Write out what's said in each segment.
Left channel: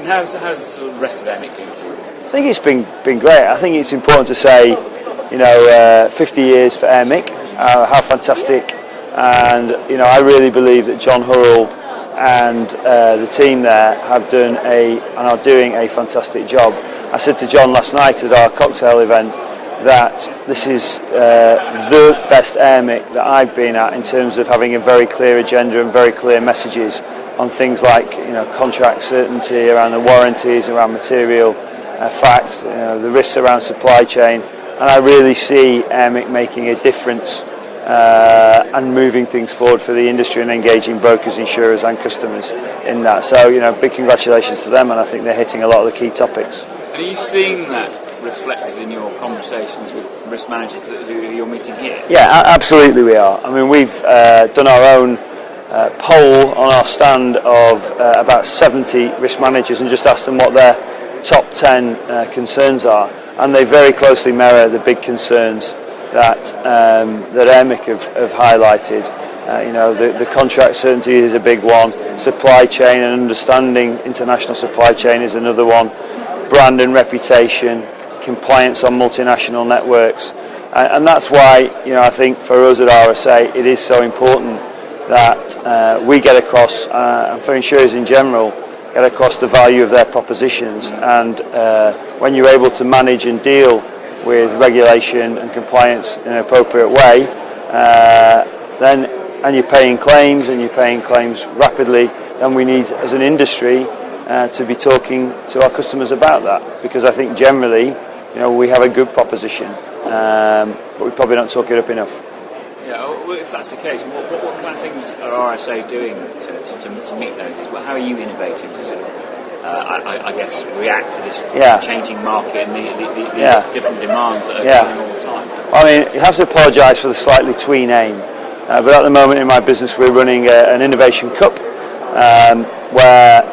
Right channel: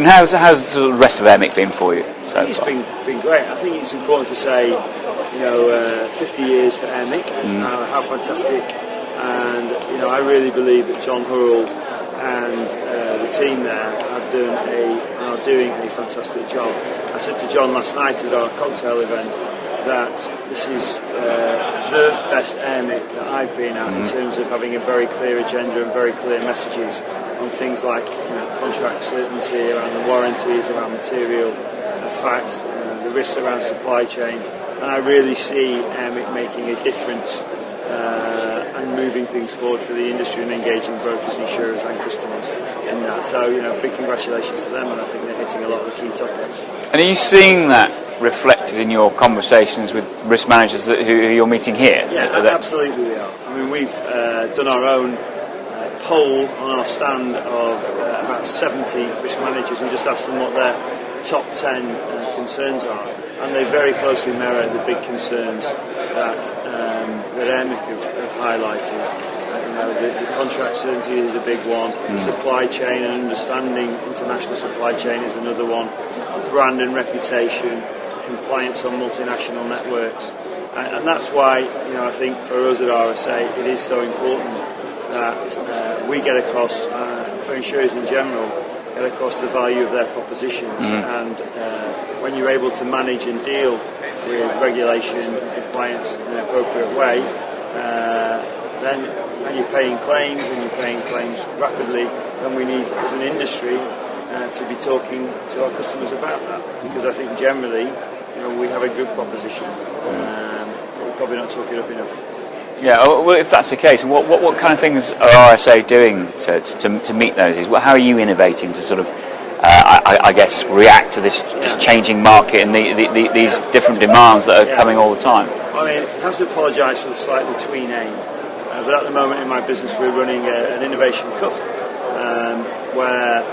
good. And how's the rest of Airmic been for you? I think it's been great. I think it's important to say, 50 years for Airmic, how fantastic. And I really believe that John Hurrell and the team there are doing a fantastic job. I said to John last night at our cocktail event that this is the best Airmic that I've been at in terms of having a very clear agenda and very clear messages on things like contract certainty, around the warranties, around material facts, the risks around supply chain, and I really see Airmic making a difference and moving things forward for the industry and engaging brokers, insurers and customers in that. So big congratulations to them, and I think they're hitting a lot of the key topics. And are you seeing that reflected in your conversations with risk managers who you're meeting here? Yeah, absolutely we are. I mean, we've done our own poll on our stand of about 70 risk managers and just asked them what their top 10 concerns are, and they very closely mirror the big concerns that Airmic have highlighted. The contract certainty is a big one. Supply chain and understanding international supply chain is another one. Brand and reputation, compliance on multinational networks, and that's why I think for us at RSA it is so important that we get across, and for insurers in general, get across the value of their propositions. And when you're able to manage and deal with regulation and compliance in an appropriate way, and you're paying claims rapidly, then we need, as an industry, to be talking to our customers about that, because I think generally, we have a good proposition, but we probably don't talk it up enough. Yeah, well, if that's the case, what kind of things are RSA doing to meet those? How are you innovating to sort of, I guess, react to this changing market and these different demands that are coming all the time? I mean, you have to apologise for the slightly twee name, but at the moment in my business we're running an Innovation Cup, where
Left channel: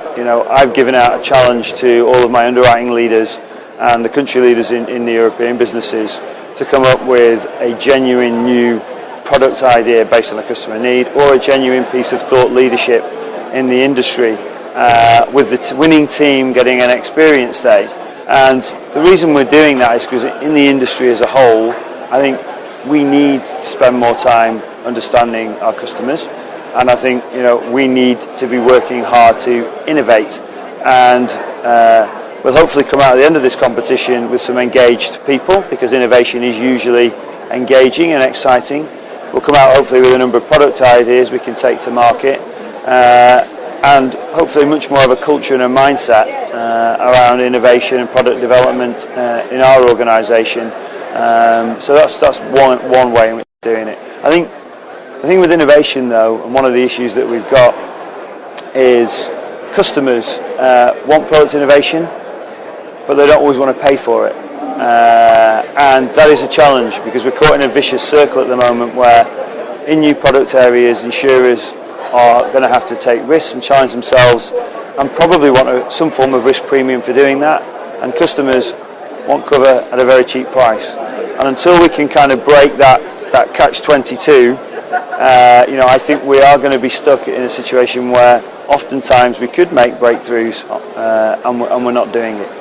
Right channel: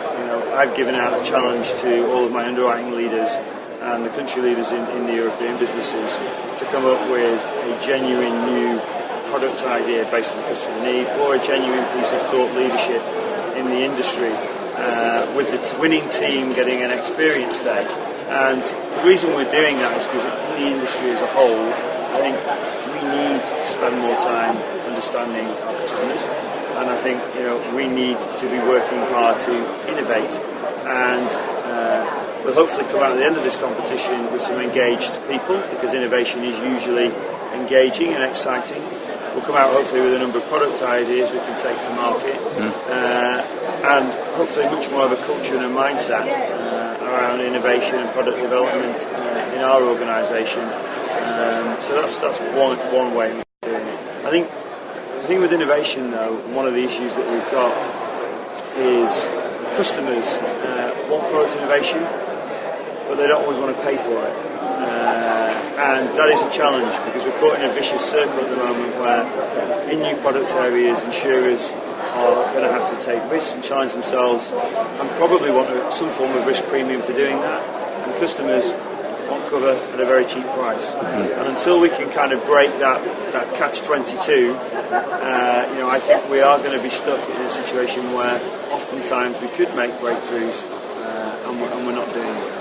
I've given out a challenge to all of my underwriting leaders and the country leaders in the European businesses to come up with a genuine new product idea based on a customer need, or a genuine piece of thought leadership in the industry, with the winning team getting an experience day. And the reason we're doing that is because in the industry as a whole, I think we need to spend more time understanding our customers, and I think we need to be working hard to innovate, and we'll hopefully come out at the end of this competition with some engaged people, because innovation is usually engaging and exciting. We'll come out hopefully with a number of product ideas we can take to market, and hopefully much more of a culture and a mindset around innovation and product development in our organisation. So that's one way in which we're doing it. I think the thing with innovation, though, and one of the issues that we've got, is customers want product innovation, but they don't always want to pay for it. And that is a challenge, because we're caught in a vicious circle at the moment where in new product areas insurers are going to have to take risks and challenge themselves, and probably want some form of risk premium for doing that, and customers want cover at a very cheap price. And until we can kind of break that catch-22, I think we are going to be stuck in a situation where oftentimes we could make breakthroughs and we're not doing it.